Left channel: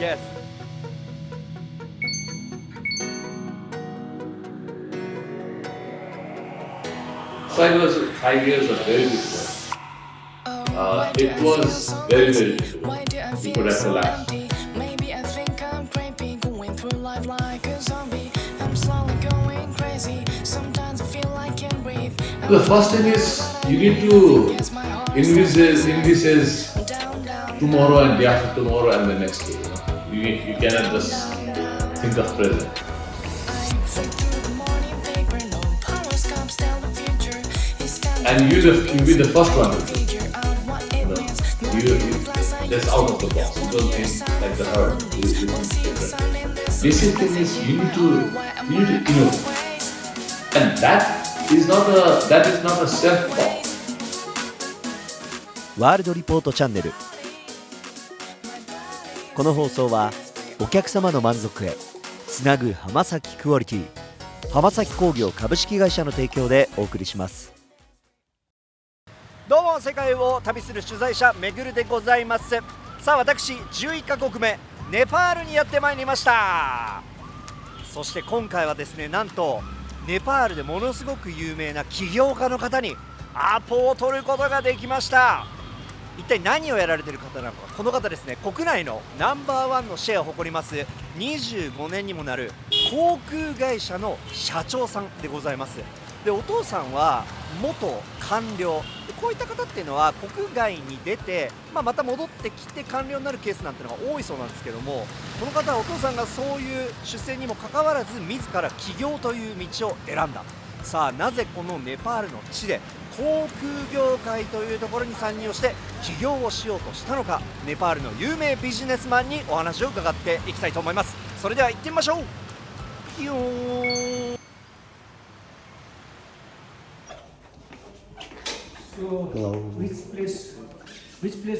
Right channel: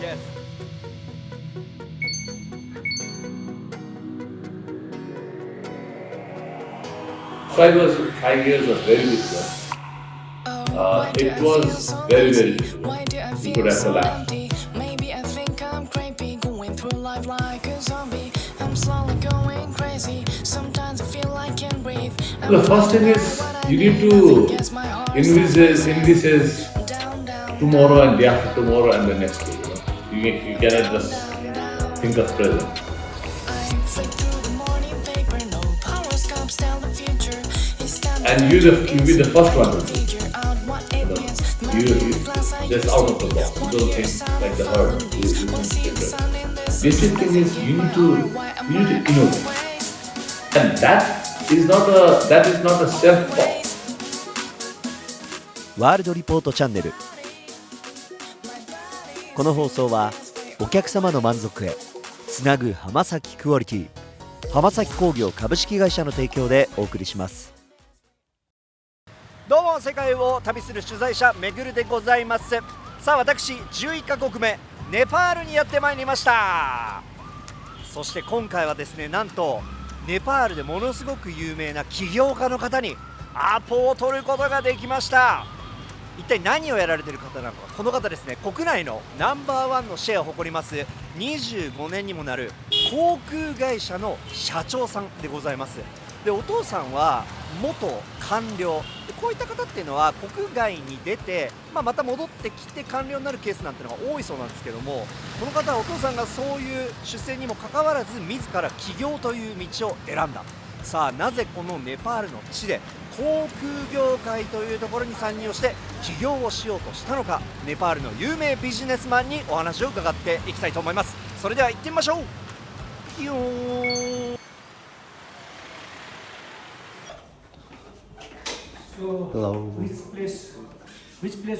Yes. Five years was very difficult. It was very, very difficult. You could have relaxed. Maybe I think I'm crazy, going through life like a zombie. I'm slowly going crazy. Sometimes I feel I can't breathe. The first thing is you need to envisage tomorrow and day after tomorrow and the next day. You cannot just think of present. I flick through the morning paper, no horoscopes tell the future. It's time And you be the first one to figure out what it means. just out of the box. You don't think like the herd. You think different. Basic thing is you need to innovate. And that is not a self-talk. ワールドリポートチャンネル。この放送はお客様の満足へつなぐ浜崎クオリティ浜崎工業株式会社の提供でお送りします。どうも、世界を旅する取材者めぐるでございます。さあ、私11カ国目ネパールにやってまいりました。そして今回はですね、なんとネパールでものすごく有名な起業家の方にアポを取ることができました。一体何をやられている方なのか。この方ですね、国内のナンバーワンのシェアを誇ります25年にもなる航空会社の社長さんでございます。で、お父さんは元官僚で、こういった方っていうのは国外に出て、また戻ってきて官僚になるケースなんていうのが多いそうなんですけども、この方はお父さんがそういう出世にもかかわらず自ら起業という道を選んだ。さあ、なぜこのネパールの地で航空業界というところに参入をして起業をしようとしたのか、ネパールの有名ビジネスマンにお話を伺っていきたいと思います。それでは行ってみましょう。ピヨーン。 So, Hello. which place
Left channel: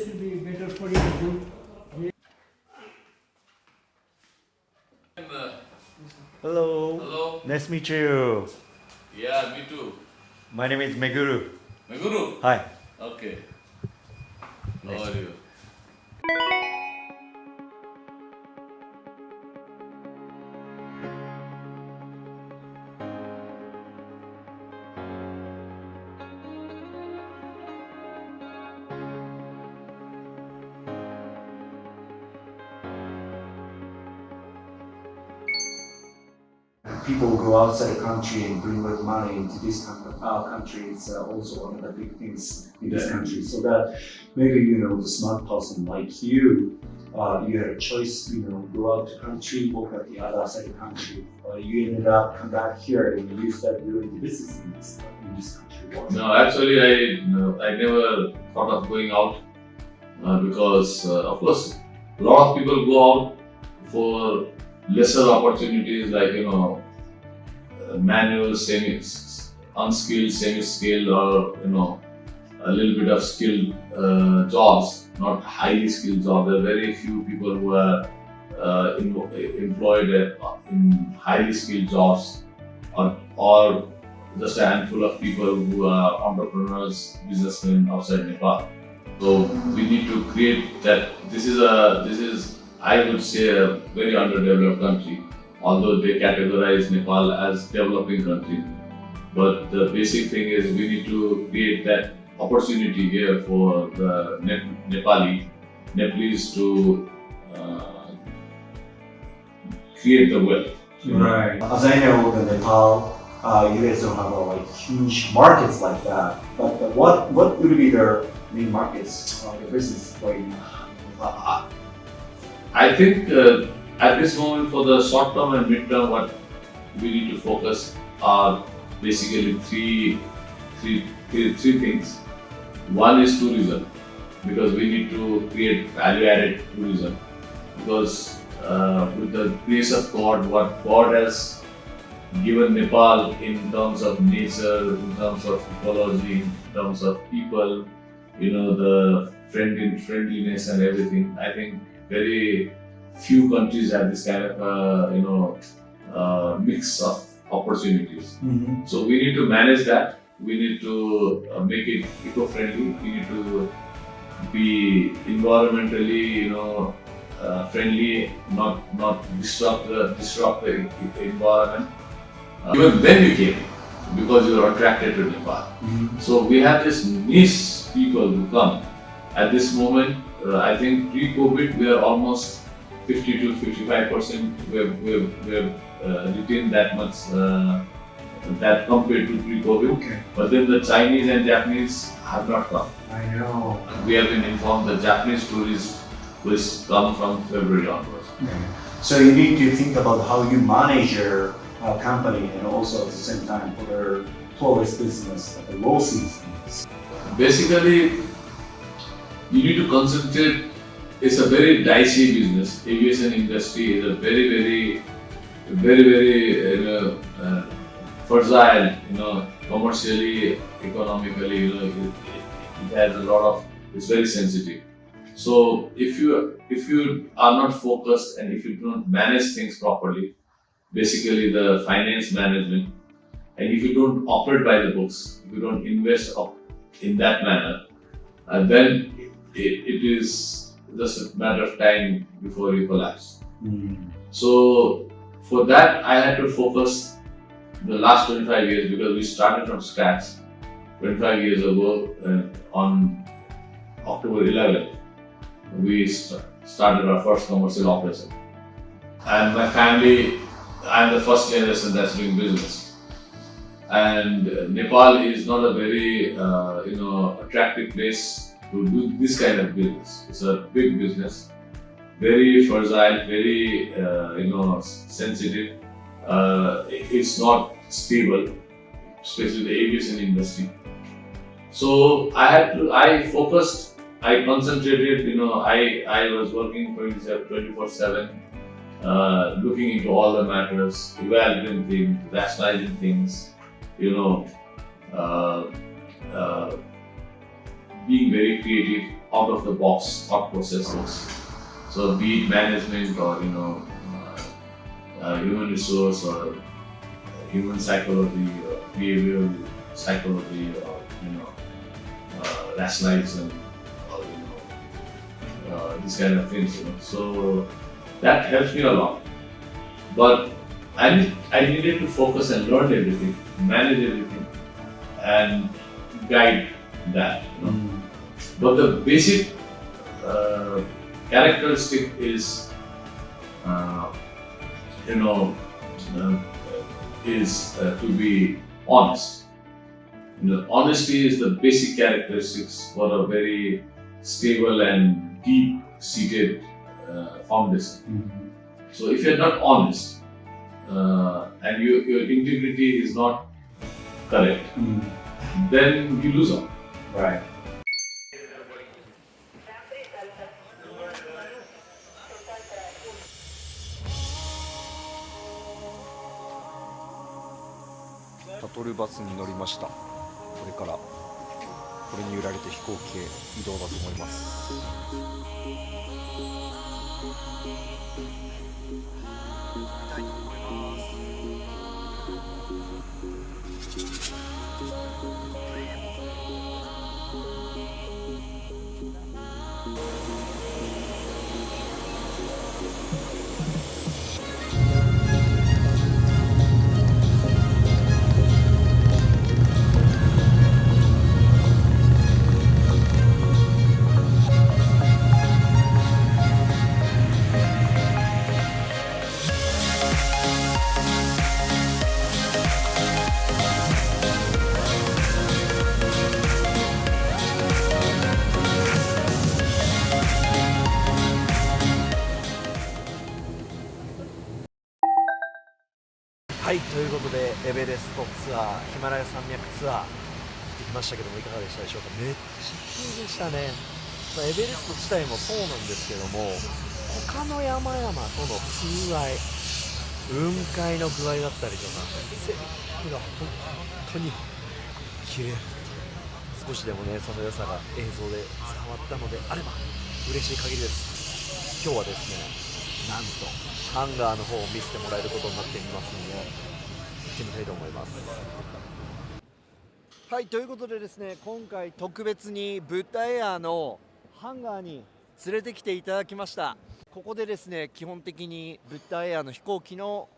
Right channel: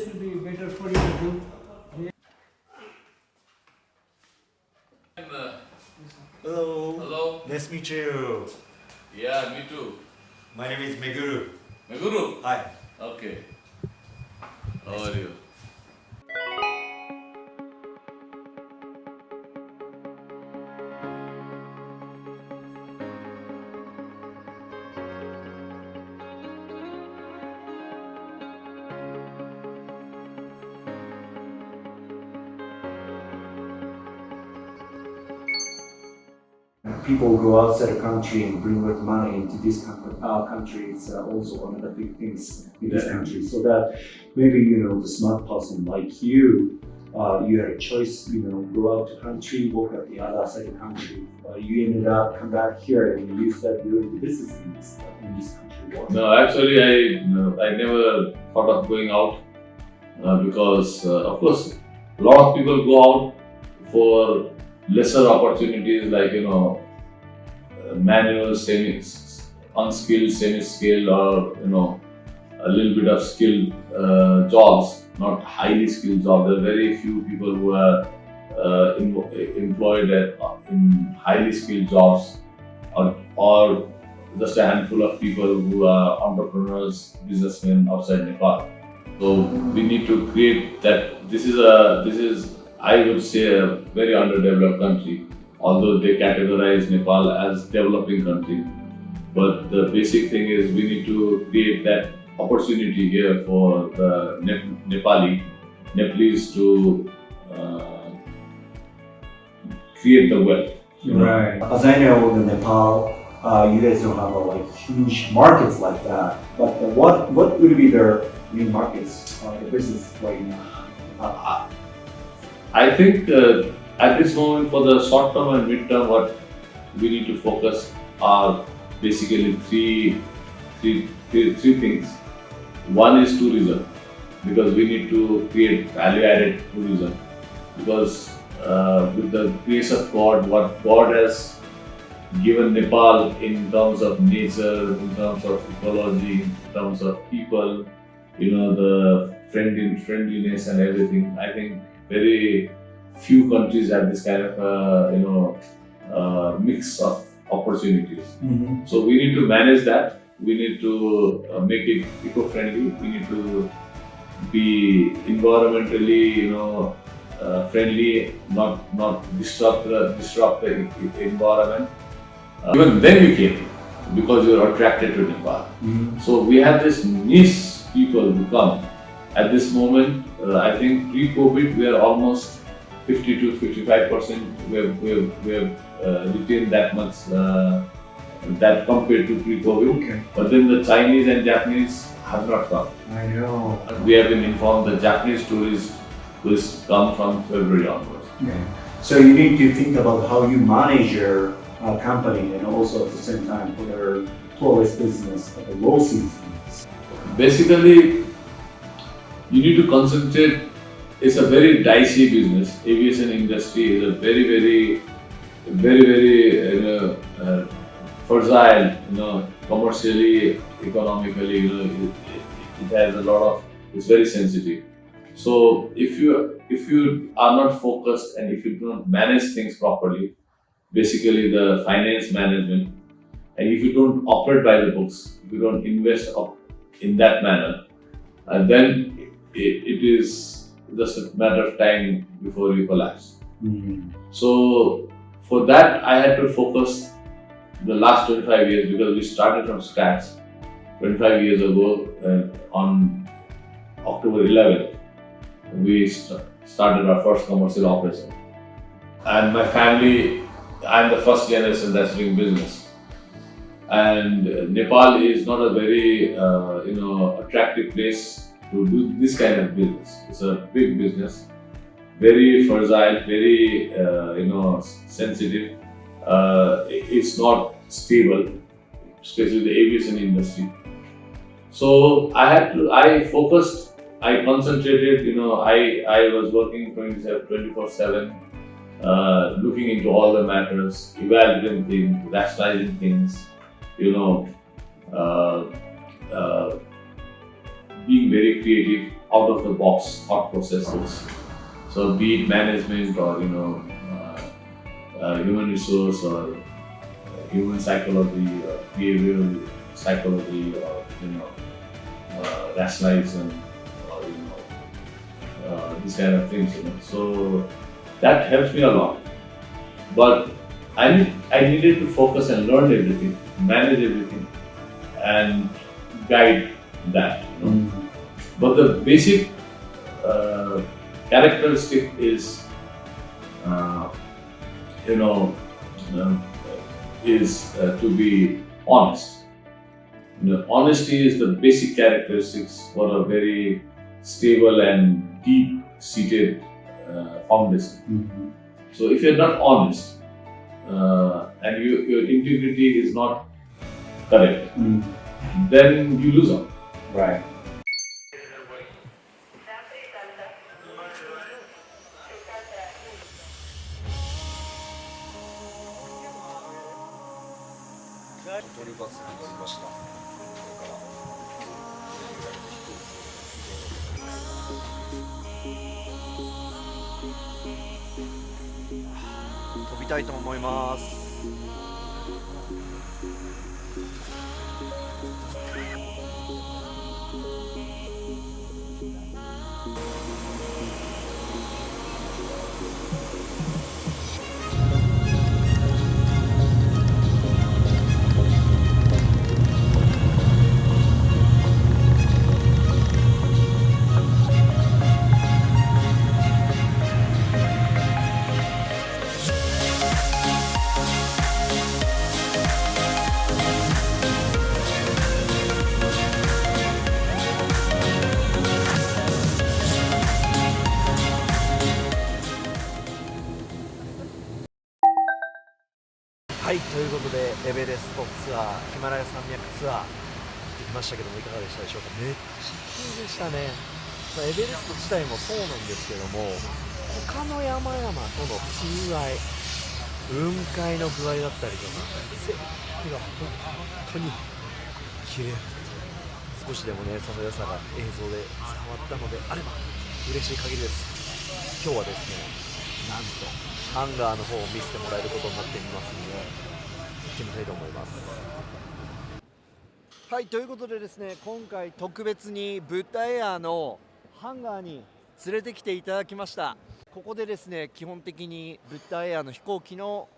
will be better for you to do? Hello. Hello. Nice to meet you. Yeah, me too. My name is Meguru. Meguru. Hi. Okay. How are you? People go outside the country and bring with money into this country. It's also one of the big things in this country. So that maybe the smart person like you, you had a choice. Go out to country, work at the other side of the country. You ended up come back here and you start doing the business in this country. No, actually, I never thought of going out because, of course, a lot of people go out for lesser opportunities like manual, unskilled, semi-skilled, or a little bit of skilled jobs, not highly skilled jobs. There are very few people who are employed in highly skilled jobs, or just a handful of people who are entrepreneurs, businessmen outside Nepal. So we need to create that. This is I would say a very underdeveloped country, although they categorize Nepal as developing country. But the basic thing is we need to create that opportunity here for the Nepalese to create the wealth. Right. As I know, in Nepal, you guys don't have huge markets like that. But what would be their main markets of the business right now? I think at this moment, for the short term and mid term, what we need to focus are basically three things. One is tourism, because we need to create value-added tourism. Because with the grace of God, what God has given Nepal in terms of nature, in terms of ecology, in terms of people, the friendliness and everything, I think very few countries have this kind of mix of opportunities. Mm-hmm. So we need to manage that. We need to make it eco-friendly. We need to be environmentally friendly, not disrupt the environment. Even then we came because we were attracted to Nepal. So we had this niche people who come. At this moment, I think pre-COVID we are almost 50 to 55%. We've retained that much that compared to pre-COVID. Okay. But then the Chinese and Japanese have not come. I know. We have been informed the Japanese tourists will come from February onwards. Okay. So you need to think about how you manage your company and also at the same time for their tourist business at the low seasons. Basically, you need to concentrate. It's a very dicey business. Aviation industry is a very fragile. Commercially, economically, it has a lot of. It's very sensitive. So if you are not focused and if you don't manage things properly, basically the finance management, and if you don't operate by the books, if you don't invest in that manner, and then it is just a matter of time before you collapse. So for that, I had to focus the last 25 years because we started from scratch 25 years ago on October 11th. We started our first commercial operation. And my family, I'm the first generation that's doing business. And Nepal is not a very attractive place to do this kind of business. It's a big business, very fragile, very sensitive. It's not stable, especially the aviation industry. So I focused, I concentrated. I was working 24/7, looking into all the matters, evaluating things, rationalizing things. Being very creative, out of the box thought processes. So be it management or human resource or human psychology or behavioral psychology or rationalization or these kind of things. So that helps me a lot. But I needed to focus and learn everything, manage everything, and guide that. But the basic characteristic is, to be honest. Honesty is the basic characteristics for a very stable and deep-seated foundation. So if you're not honest and your integrity is not correct, then you lose out. Right.シャトルバスに乗りました。これからこれに揺られて飛行機へ移動だと思います。飛びたいと思います。はい、ということでエベレストツアー、ヒマラヤ山脈ツアー行ってきましたけどもいかがでしたでしょうか。めっちゃ綺麗でしたね。エベレスト自体もそうなんですけども、他の山々との風合い、雲海の具合だったりとか、全部が本当に綺麗。少しでもね、その良さが映像で伝わったのであれば嬉しい限りです。今日はですね、なんとハンガーの方を見せてもらえることになっていますので、行ってみたいと思います。はい、ということでですね、今回特別にブッダエアのハンガーに連れてきていただきました。ここでですね、基本的にブッダエアの飛行機の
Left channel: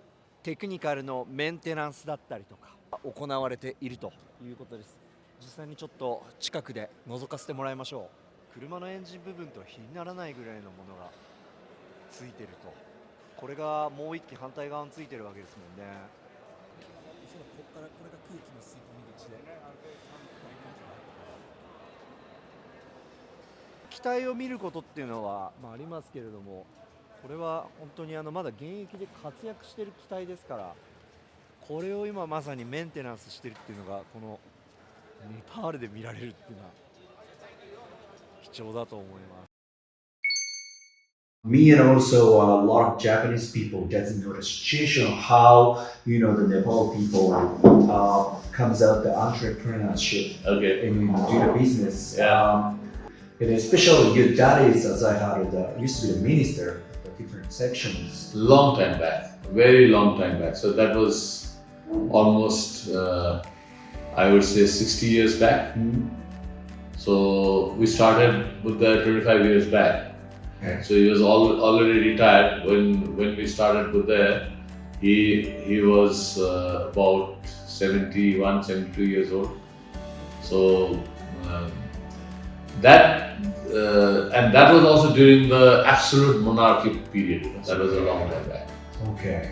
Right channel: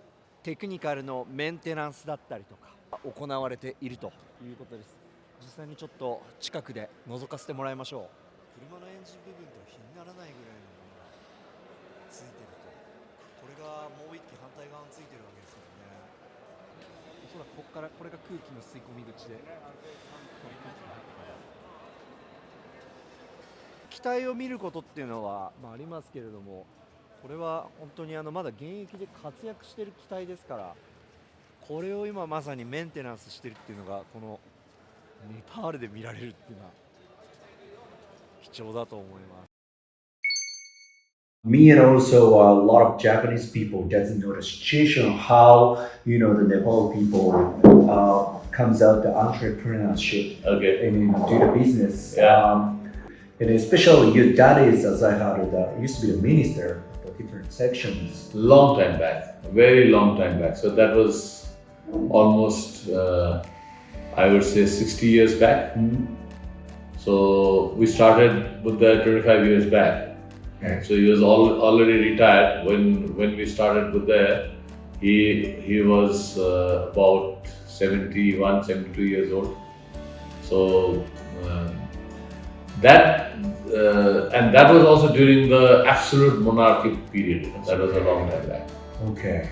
テクニカルのメンテナンスだったりとか行われているということです。実際にちょっと近くで覗かせてもらいましょう。車のエンジン部分と比にならないぐらいのものがついてると、これがもう一機反対側についてるわけですもんね。おそらくここからこれが空気の吸い込み口で、機体を見ることっていうのは、ありますけれども、これは本当にまだ現役で活躍している機体ですから、これを今まさにメンテナンスしてるっていうのがこのネパールで見られるっていうのは貴重だと思います。Me and also a lot of Japanese people doesn't know the situation of how the Nepal people comes out the entrepreneurship Okay. and do the business. Yeah. And especially your dad is, as I heard, used to be a minister of the different sections. Long time back, very long time back. So that was almost, I would say, 60 years back. So we started Buddha 25 years back. Okay. So he was already retired when we started Buddha. He was about 71, 72 years old. So that was also during the absolute monarchy period. That was a long time back. Okay.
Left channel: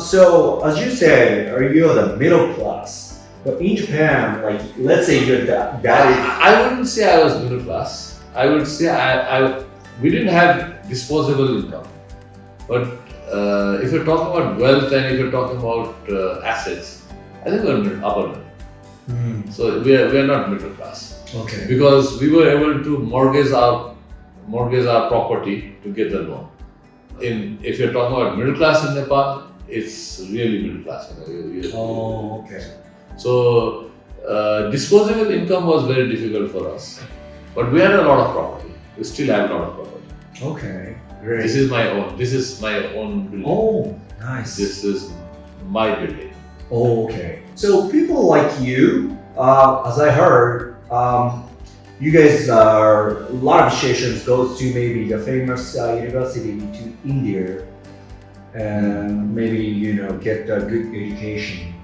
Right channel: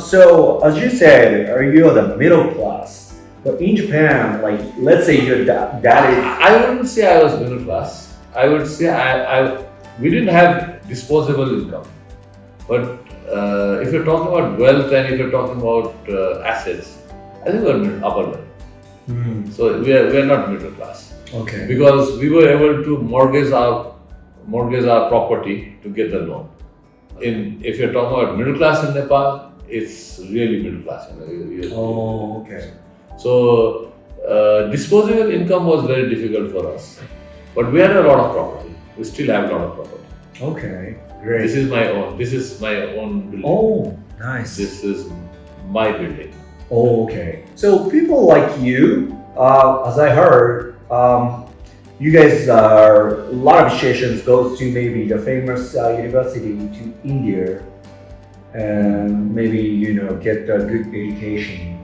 So as you said, are you the middle class? But in Japan, like let's say your dad is. I wouldn't say I was middle class. I would say we didn't have disposable income. But if you're talking about wealth and if you're talking about assets, I think we're upper level. So we are not middle class. Okay. Because we were able to mortgage our property to get the loan. If you're talking about middle class in Nepal, it's really middle class. Oh, okay. So disposable income was very difficult for us, but we had a lot of property. We still have a lot of property. Okay. Great. This is my own building. Oh, nice. This is my building. Oh, okay. So people like you, as I heard, you guys are a lot of associations goes to maybe the famous university to India, and maybe get a good education,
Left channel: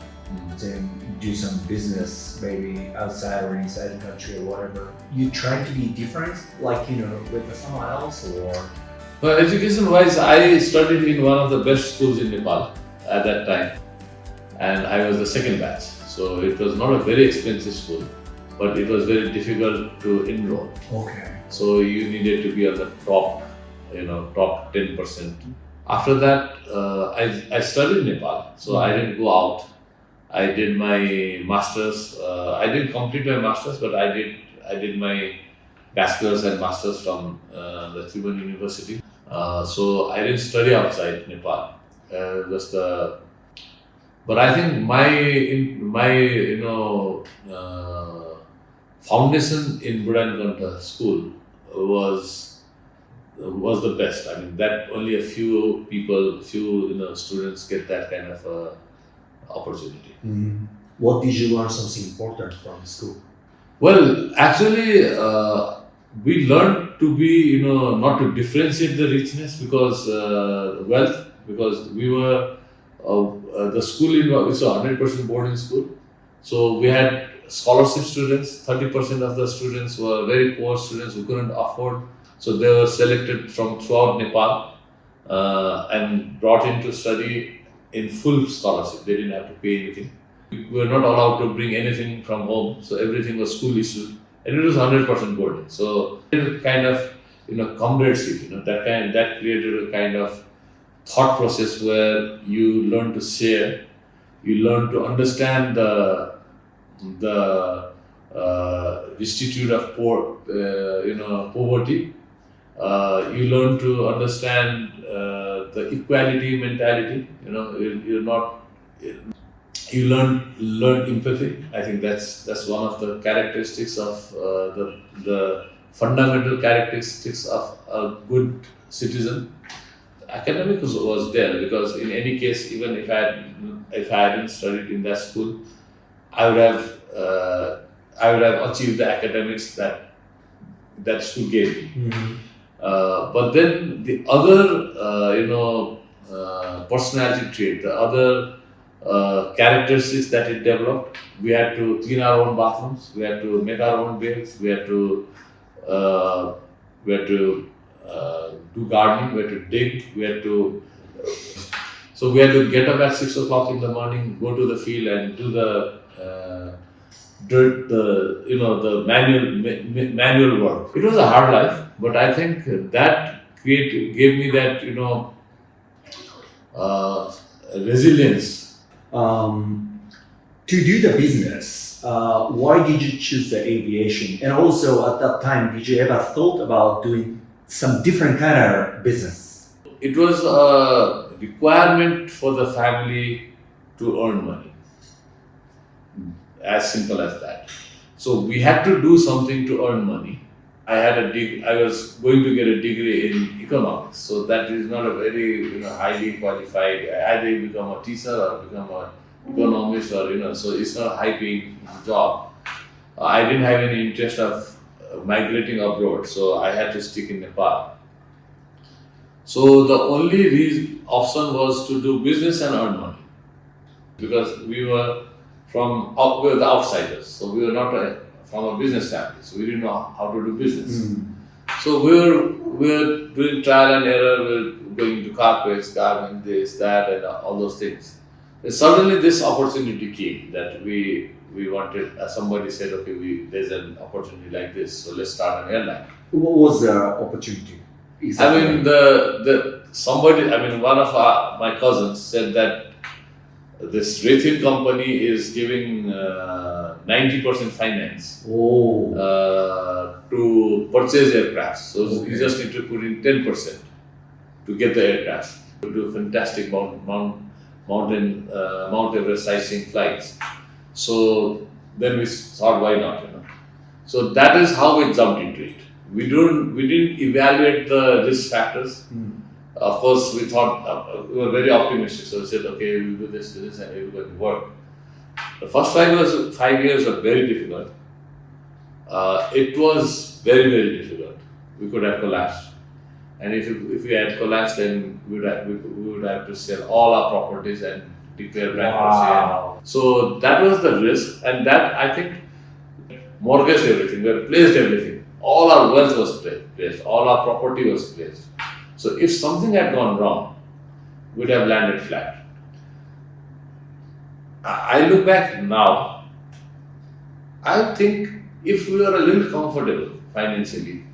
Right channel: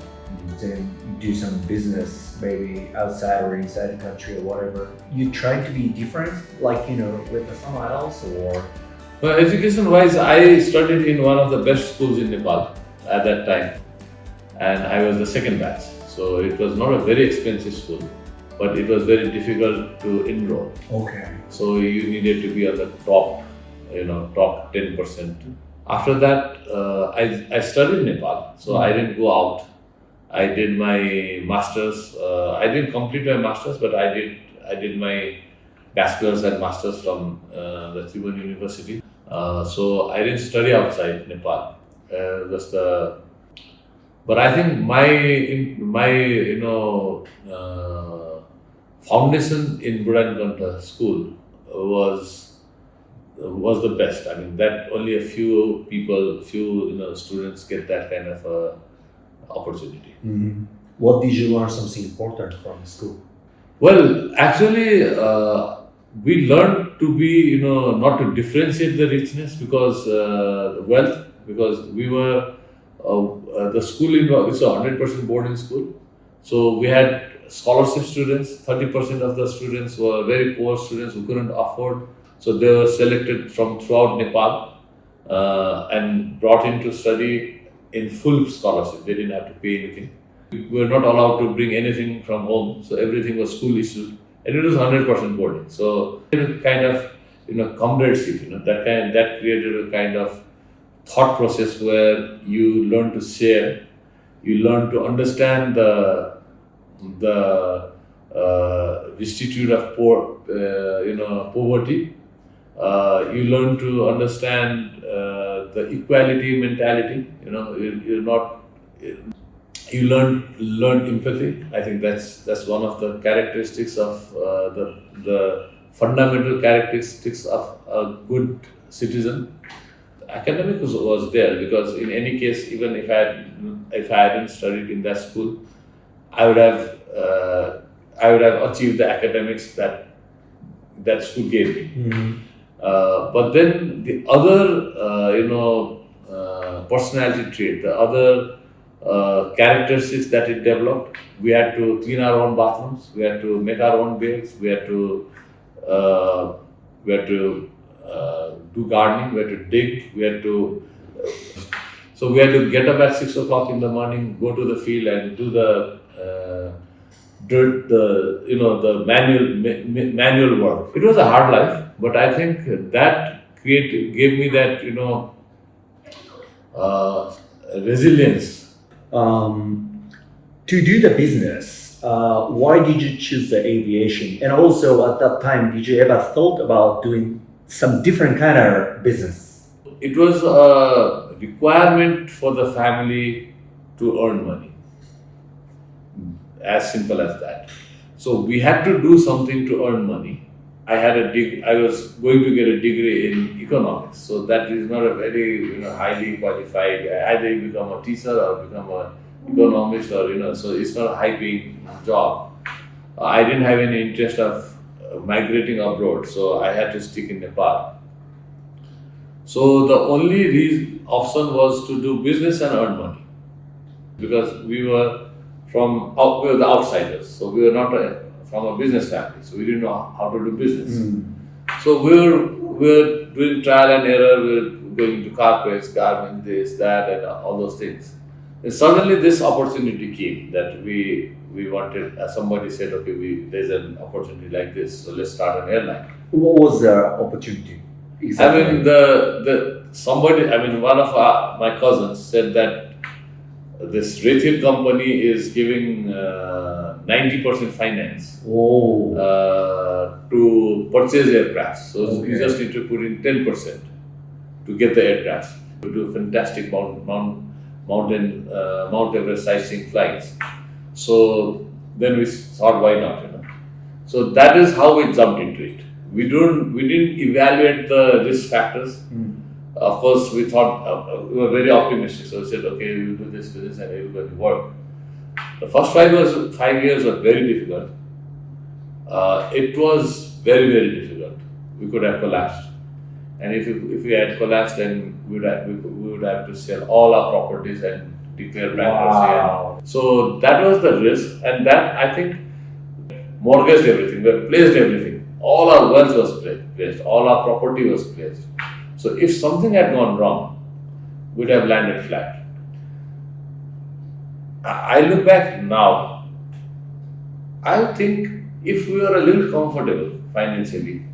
then do some business maybe outside or inside the country or whatever. You try to be different, like with someone else, or? Well, education-wise, I studied in one of the best schools in Nepal at that time, and I was the second batch. So it was not a very expensive school, but it was very difficult to enroll. Okay. So you needed to be on the top 10%. After that, I studied in Nepal, so I didn't go out. I did my masters. I didn't complete my masters, but I did my bachelor's and masters from the FUMI University. So I didn't study outside Nepal. But I think my foundation in Buddha school was the best. I mean, that only a few people, students get that kind of opportunity. Mm-hmm. What did you learn something important from school? Well, actually, we learned to be, not to differentiate the richness because wealth, because we were the school it's a 100% boarding school. So we had scholarship students. 30% of the students were very poor students who couldn't afford. So they were selected from throughout Nepal and brought in to study in full scholarship. They didn't have to pay anything. We were not allowed to bring anything from home, so everything was school issued, and it was 100% boarding. So it kind of comradeship, that created a kind of thought process where you learn to share, you learn to understand the vicissitude of poverty. You learn to understand the equality mentality. You learn empathy. I think that's one of the characteristics of the fundamental characteristics of a good citizen. Academic was there because in any case, even if I hadn't studied in that school, I would have achieved the academics that school gave me. Mm-hmm. But then the other, personality trait, the other characteristics that it developed, we had to clean our own bathrooms, we had to make our own beds, we had to do gardening, we had to dig, so we had to get up at 6 o'clock in the morning, go to the field and do the the manual work. It was a hard life, but I think that gave me that resilience. To do the business, why did you choose the aviation? And also at that time, did you ever thought about doing some different kind of business? It was a requirement for the family to earn money. As simple as that. So we had to do something to earn money. I was going to get a degree in economics, so that is not a very highly qualified. Either you become a teacher or become an economist, or so it's not a high-paying job. I didn't have any interest of migrating abroad, so I had to stick in Nepal. So the only option was to do business and earn money, because we were the outsiders, so we were not from a business family, so we didn't know how to do business. So we were doing trial and error, we were going to carpets, gardening, this, that, and all those things. And suddenly this opportunity came that we wanted, somebody said, okay, there's an opportunity like this, so let's start an airline. What was the opportunity? Exactly. I mean, one of my cousins said that this Rethil company is giving 90% finance to purchase aircraft. So you just need to put in 10% to get the aircraft. To do fantastic Mount Everest sightseeing flights. So then we thought, why not? So that is how we jumped into it. We didn't evaluate the risk factors. Of course, we thought we were very optimistic. So we said, okay, we'll do this, and it will going to work. The first 5 years were very difficult. It was very, very difficult. We could have collapsed, and if we had collapsed, then we would have to sell all our properties and declare bankruptcy. Wow. So that was the risk, and that I think mortgaged everything. We placed everything. All our wealth was placed. All our property was placed. So if something had gone wrong, we'd have landed flat. I look back now, I think if we were a little comfortable financially,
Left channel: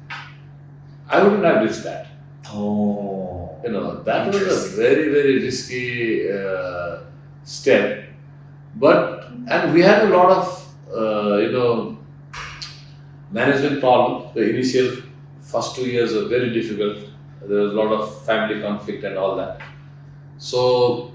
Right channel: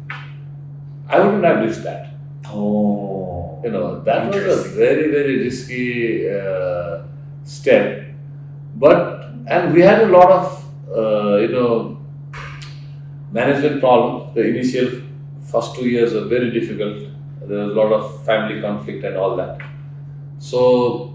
I wouldn't have risked that. That was a very, very risky step. And we had a lot of, management problems. The initial first 2 years were very difficult. There was a lot of family conflict and all that. So,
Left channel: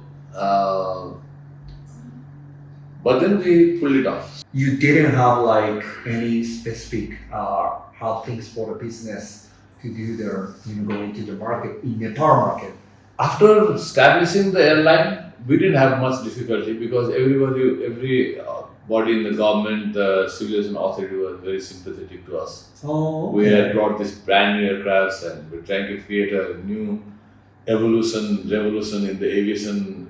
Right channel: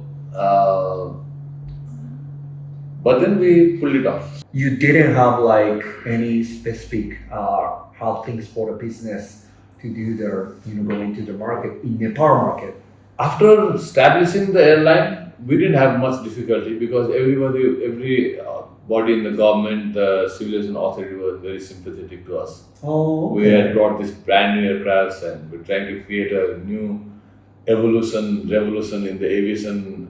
but then we pulled it off. You didn't have like any specific how things for the business to do their go into the market in Nepal market. After establishing the airline, we didn't have much difficulty because everybody in the government, the civil aviation authority was very sympathetic to us. We had brought this brand new aircrafts, and we're trying to create a new revolution in the aviation,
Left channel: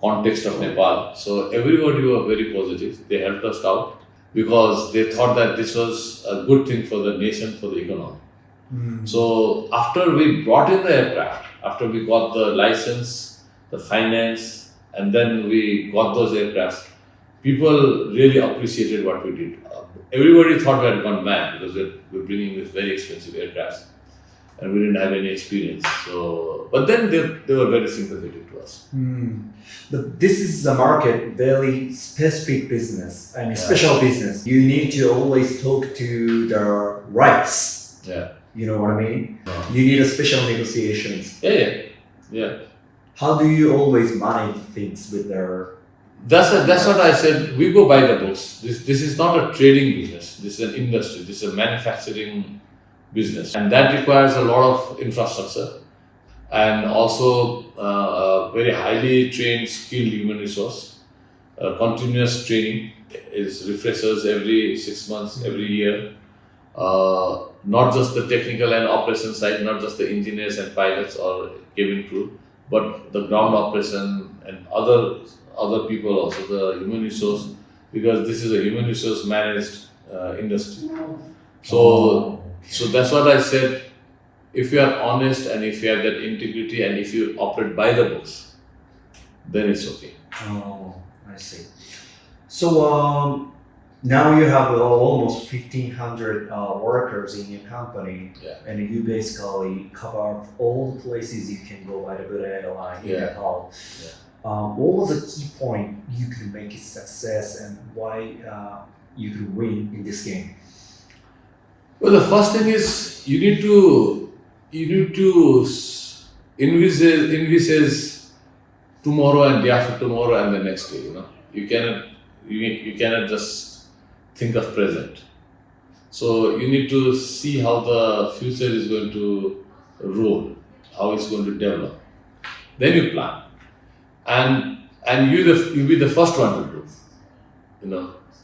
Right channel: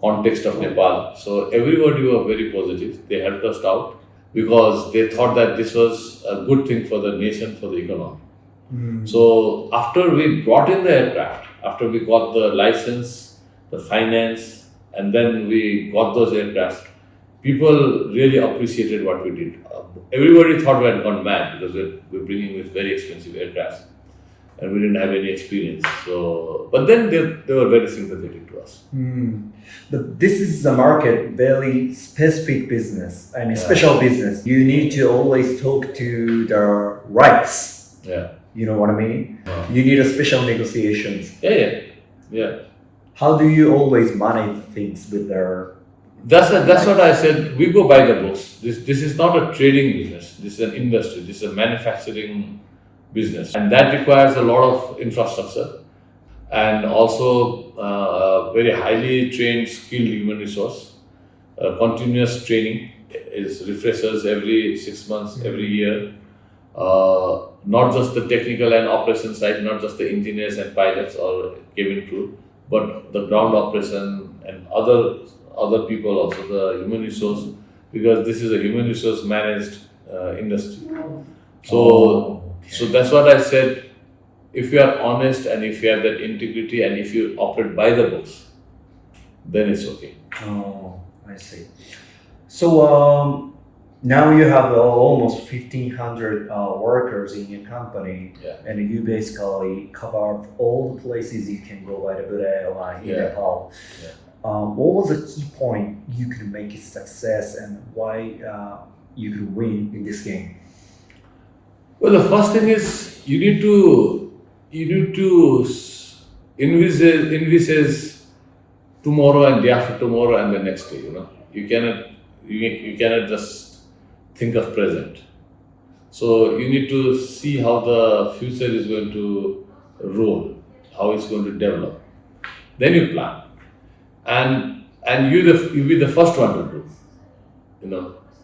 context of Nepal. So everybody was very positive. They helped us out because they thought that this was a good thing for the nation, for the economy. So after we brought in the aircraft, after we got the license, the finance, and then we got those aircrafts, people really appreciated what we did. Everybody thought we had gone mad because we're bringing this very expensive aircraft and we didn't have any experience. So, but then they were very sympathetic to us. This is a market, very specific business. I mean, special business. You need to always talk to the rights. Yeah. You know what I mean? You need a special negotiations. Yeah. How do you always manage things with their? That's what I said. We go by the books. This is not a trading business. This is an industry. This is a manufacturing business, and that requires a lot of infrastructure and also a very highly trained, skilled human resource. Continuous training is refreshers every 6 months, every year. not just the technical and operation side, not just the engineers and pilots or cabin crew, but the ground operation and other people also, the human resource, because this is a human resource managed industry. So that's what I said. If you are honest and if you have that integrity and if you operate by the books, then it's okay. Oh, I see. So now you have almost 1,500 workers in your company, Yeah. and you basically cover all the places you can go by the Buddha airline in Yeah. Nepal. Yeah. What was the key point you could make it success, and why you could win in this game? Well, the first thing is you need to envisage tomorrow and day after tomorrow and the next day. You cannot just think of present. So you need to see how the future is going to roll, how it's going to develop. Then you plan, and you be the first one to do.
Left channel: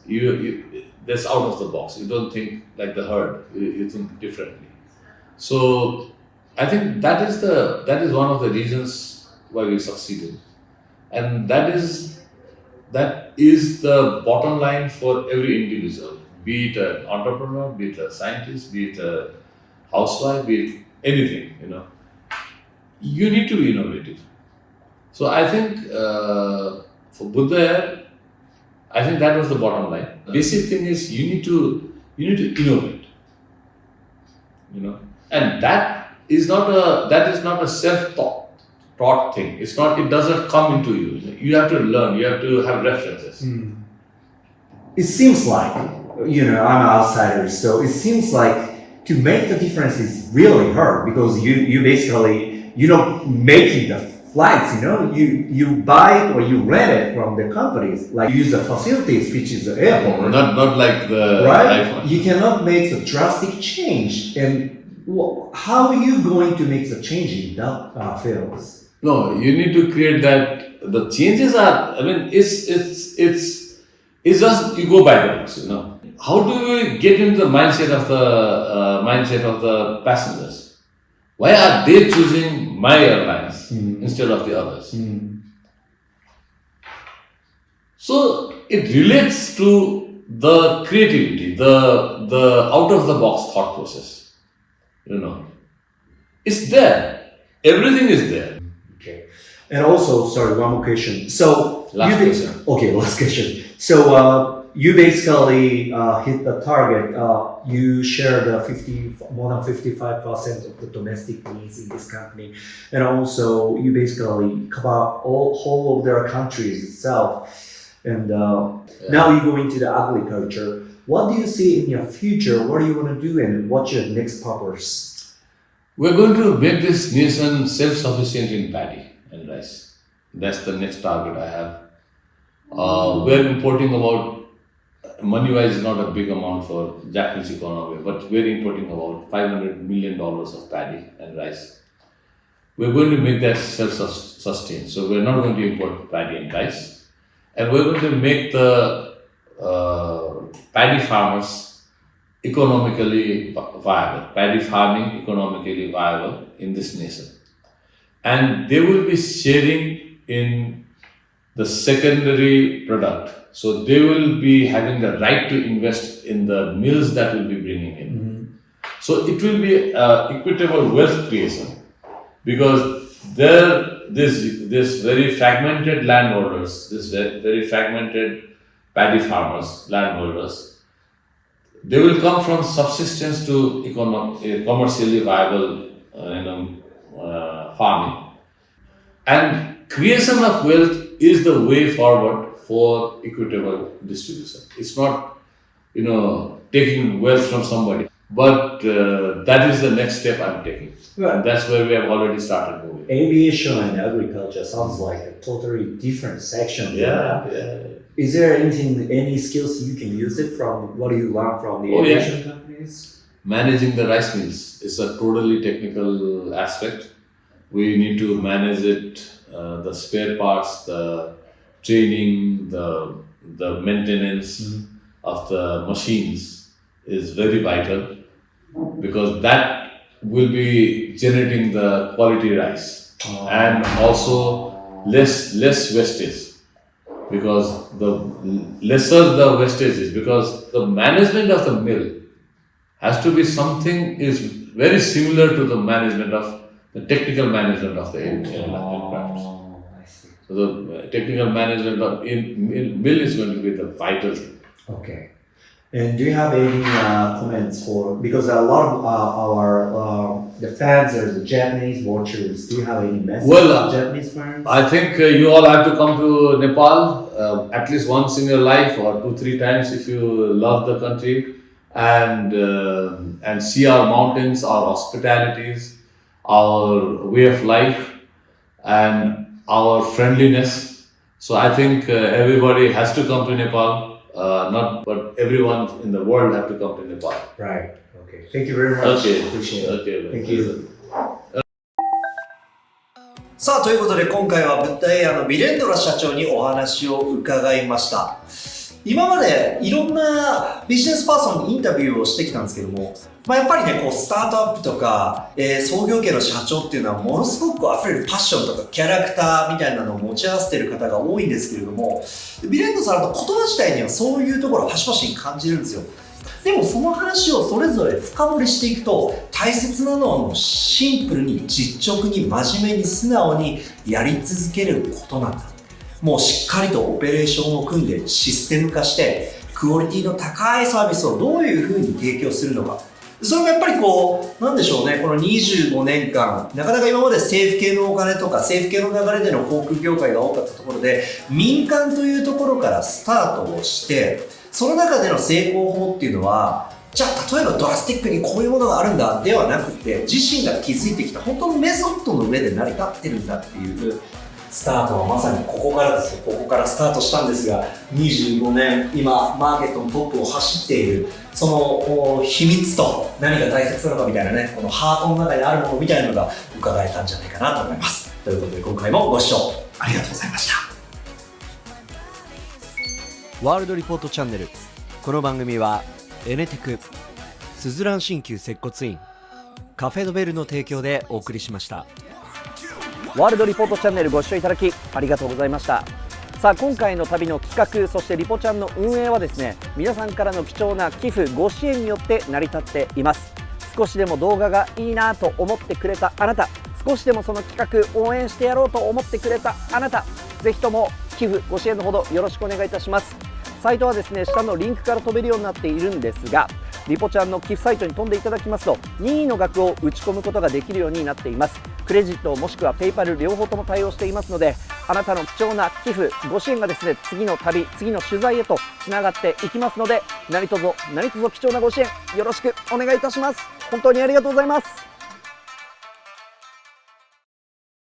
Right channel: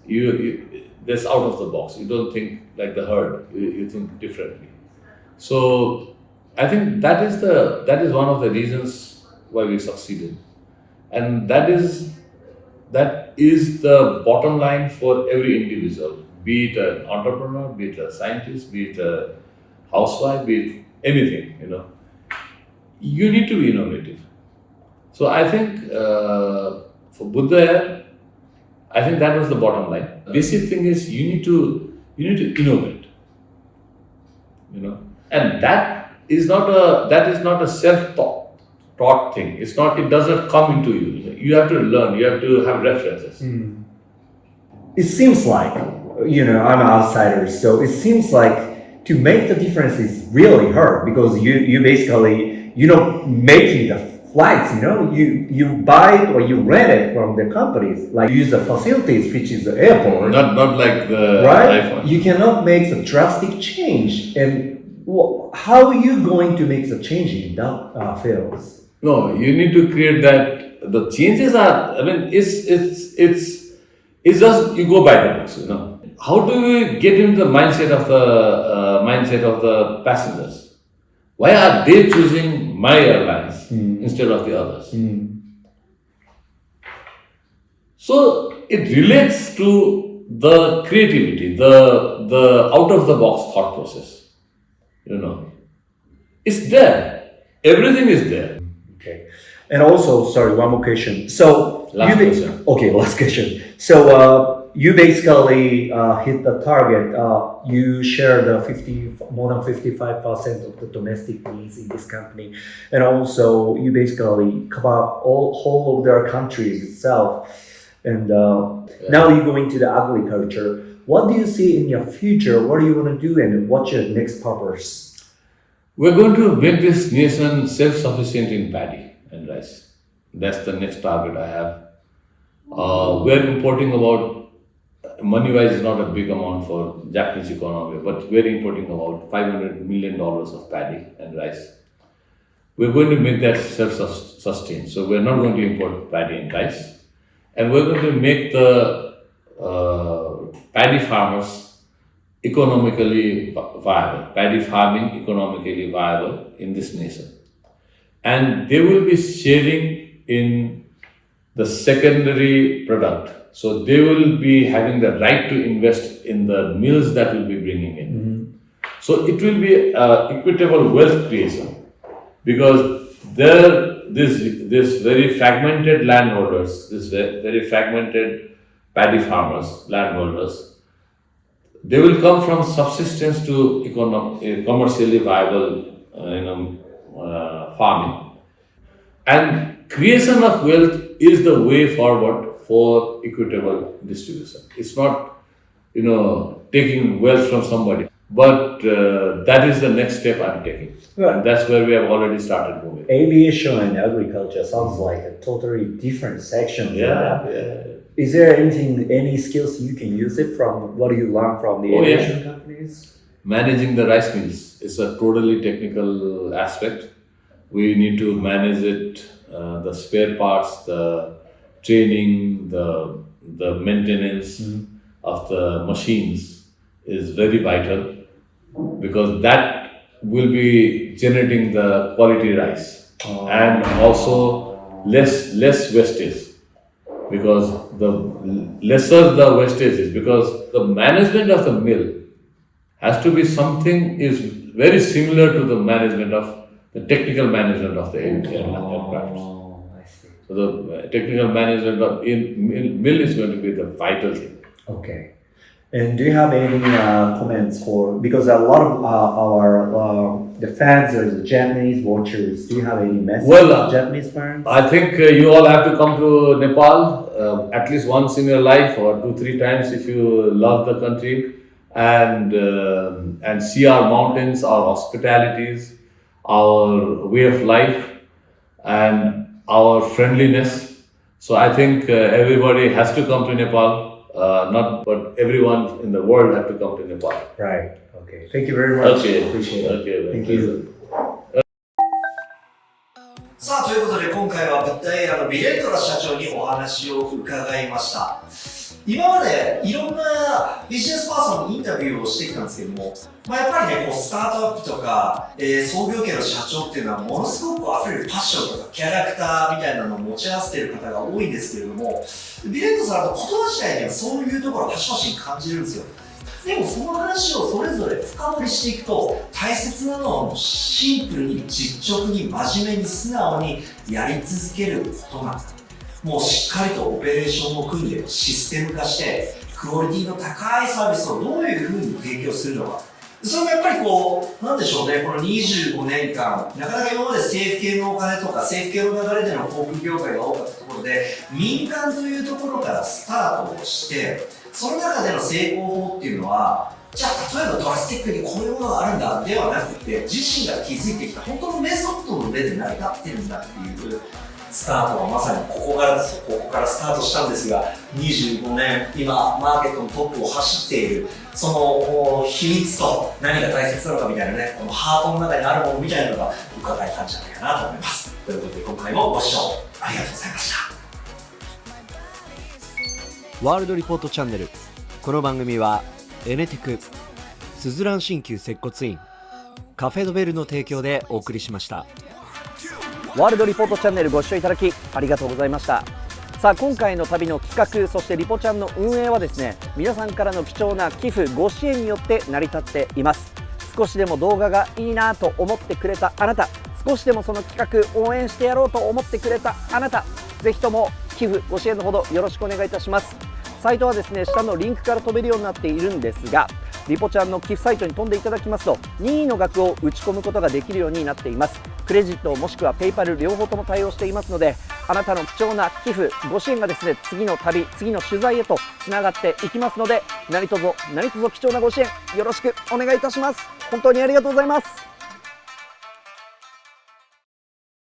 You that's out of the box. You don't think like the herd. You think differently. So I think that is one of the reasons why we succeeded, and that is the bottom line for every individual, be it an entrepreneur, be it a scientist, be it a housewife, be it anything. You need to be innovative. So I think for Buddaair, I think that was the bottom line. Basic thing is you need to innovate. And that is not a self-taught thing. It doesn't come into you. You have to learn. You have to have references. It seems like, I'm an outsider, so it seems like to make the difference is really hard because you basically, making the flights, you buy it or you rent it from the companies, like use the facilities, which is the airport. Not like the Right? iPhone. You cannot make a drastic change. And how are you going to make the change in that fields? No, you need to create that. The changes are. It's just you go by the books. How do you get into the mindset of the passengers? Why are they choosing my airlines instead of the others? So it relates to the creativity, the out of the box thought process. It's there. Everything is there. Okay. And also, sorry, one more question. So Last question. Okay, last question. So you basically hit the target. You share the more than 55% of the domestic needs in this company, and also you basically cover whole of their countries itself. And now you go into the agriculture. What do you see in your future? What do you want to do, and what's your next purpose? We're going to make this nation self-sufficient in paddy and rice. That's the next target I have. We're importing about, money-wise, is not a big amount for Japanese economy, but we're importing about $500 million of paddy and rice. We're going to make that self-sustained. So we're not going to import paddy and rice, and we're going to make the paddy farmers economically viable, paddy farming economically viable in this nation. And they will be sharing in the secondary product. So they will be having the right to invest in the mills that will be bringing in. So it will be equitable wealth creation, because this very fragmented landholders, this very fragmented paddy farmers, landholders, they will come from subsistence to commercially viable farming. And creation of wealth is the way forward for equitable distribution. It's not, taking wealth from somebody, but that is the next step I'm taking. Right. And that's where we have already started moving. Aviation and agriculture sounds like a totally different section. Yeah. Is there any skills you can use it from what you learn from the aviation companies? Managing the rice mills is a totally technical aspect. We need to manage it, the spare parts, the training, the maintenance of the machines is very vital. because that will be generating the quality rice and also less wastage. Because the lesser the wastage is, because the management of the mill has to be something is very similar to the management of the technical management of the aircraft. I see. So the technical management of mill is going to be the vital thing. Okay. And do you have any comments for, because a lot of our the fans are the Japanese watchers. Do you have any message to Japanese fans? I think you all have to come to Nepal at least once in your life, or 2-3 times if you love the country, and see our mountains, our hospitalities, our way of life, and our friendliness. So I think everybody has to come to Nepal. But everyone in the world have to come to Nepal. Right. Okay. Thank you very much. Okay. Appreciate it. Okay. Thank you. さあということで今回はブッダエアのビレンドラ社長にお話を伺いました。今までいろんなビジネスパーソンにインタビューをしてきたんですけども、やっぱりねこうスタートアップとか、創業系の社長っていうのはものすごく溢れるパッションとかキャラクターみたいなのを持ち合わせている方が多いんですけれども、ビレンドさんの言葉自体にはそういうところを端々に感じるんですよ。でもその話をそれぞれ深掘りしていくと、大切なのはもうシンプルに実直に真面目に素直にやり続けることなんだ。もうしっかりとオペレーションを組んでシステム化してクオリティの高いサービスをどういうふうに提供するのか、それがやっぱりこうなんでしょうね、この25年間なかなか今まで政府系のお金とか政府系の流れでの航空業界が多かったところで、民間というところからスタートをして、その中での成功法っていうのは、じゃあ例えばドラスティックにこういうものがあるんだではなくて、自身が築いてきた本当のメソッドの上で成り立ってるんだっていうスタートはまさにここからですよ。ここからスタートしたんですが、25年今マーケットのトップを走っているその秘密と何が大切なのかみたいなね、このハートの中にあるものみたいなのが伺えたんじゃないかなと思います。ということで今回もご視聴ありがとうございました。ワールドリポートチャンネル、この番組はエネテク、スズラン鍼灸接骨院、カフェドベルの提供でお送りしました。ワールドリポートチャンネルご視聴いただきありがとうございました。さあ今回の旅の企画、そしてリポちゃんの運営はですね、皆さんからの貴重な寄付ご支援によって成り立っています。少しでも動画がいいなと思ってくれたあなた、少しでもその企画応援してやろうと思ってくれたあなた、ぜひとも寄付ご支援のほどよろしくお願いいたします。サイトはですね、下のリンクから飛べるようになっているんですが、リポちゃんの寄付サイトに飛んでいただきますと任意の額を打ち込むことができるようになっています。クレジットもしくはペイパル両方とも対応していますので、あなたの貴重な寄付ご支援がですね、次の旅、次の取材へとつながっていきますので、何卒貴重なご支援よろしくお願いいたします。本当にありがとうございます。